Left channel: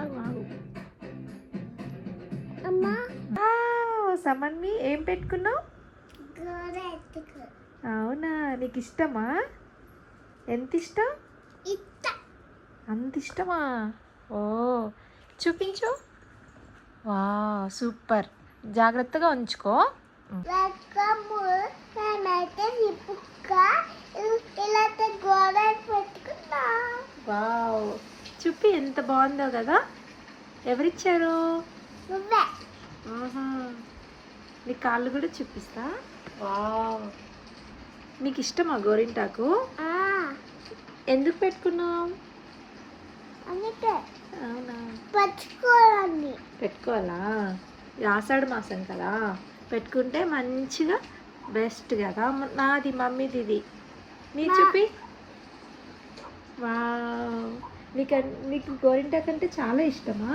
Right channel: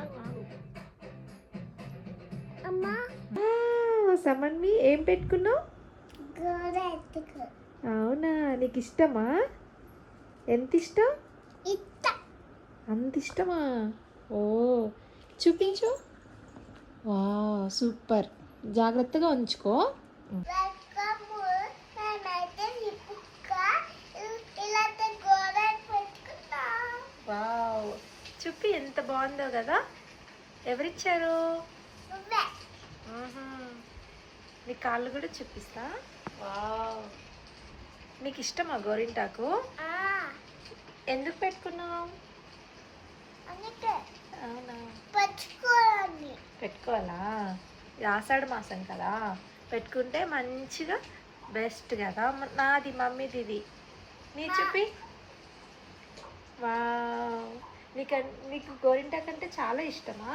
ఆగు ఆగు. అమ్మా సమన్వి ఏం పెట్టుకున్నావు? గోడ ఎత్తుకు అవునా, నీకు ఇష్టమా? ఎంత ఇష్టం? ఇట్ట అంత ఇష్టమా? ఓ చూపించు. వా సూపర్, జాగ్రత్తగా ఉంచుకో. రకము నేనైతే ఇప్పుక ఇలాంటి గోడ పెట్టుకున్నా. వావ్, చూపి ఎంత బాగుందో కదా. ఎవరిచ్చారు? నువ్వే ఆహా, నీ కాళ్ళు కూడా చూపిస్తా. వావ్, నీకు ఇష్టమా గోరింటాకు? ఎందుకు పెట్టుకున్నావు? అందుకే అవునా, పట్టుకోవాలండి. పెట్టుకోవాలా? ఆషాఢ మాసం కదా, పెట్టుకుంటే మంచిగా బెస్ట్ కదా. నాది మమ్మీది ఇది. నీ చూపి. వావ్, నీకు గోరింటాకు అంటే చాలా ఇష్టమా?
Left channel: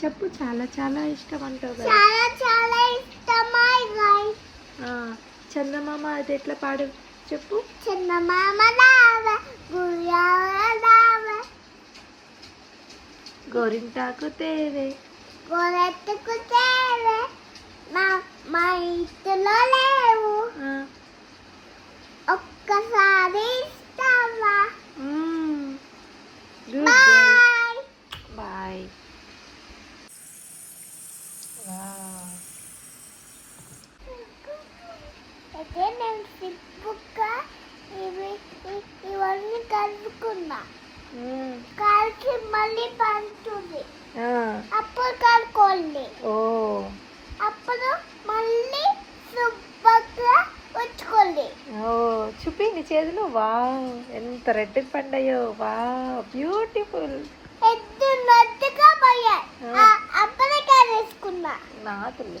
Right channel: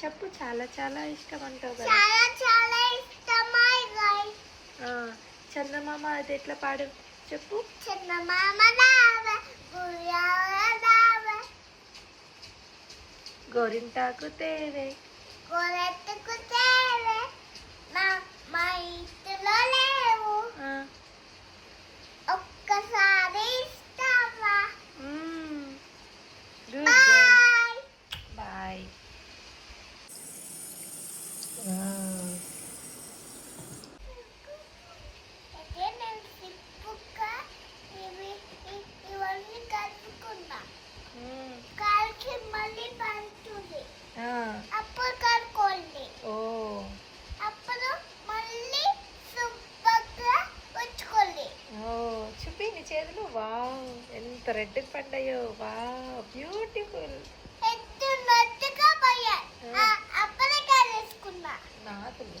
చెప్పు, చాలా చాలా ఇష్టం అంటావు కదా. చాలా చాలా ఇష్టమా ఇది. చందమామ అది ఎట్లా పాడు చెప్పు. చందమామ రావే గుయ్యాల రావే గోరింటాకు తేవే గోడెత్తుకు తేవే మా ఇంటిలో లేవు ఒక్కసారి ఇస్తావా? Bye bye. అయితే నేను సిప్పుక్క ఇవన్నీ కలుపుకున్నా. కాల్చి మళ్ళీ పంటుంది, అప్పుడు కలుపుకోండి. ఓ అప్పుడు మళ్ళీ శుభ్రంగా ఉంచుకోండి. ఓ చూపి నీ చేతులు. వావ్, ఎంత రెడ్ పండాయో. Wow, beautiful. ఎద్దు నట్టుగా పోయాయి. అప్పుడే వేసుకున్నా. నాకులు.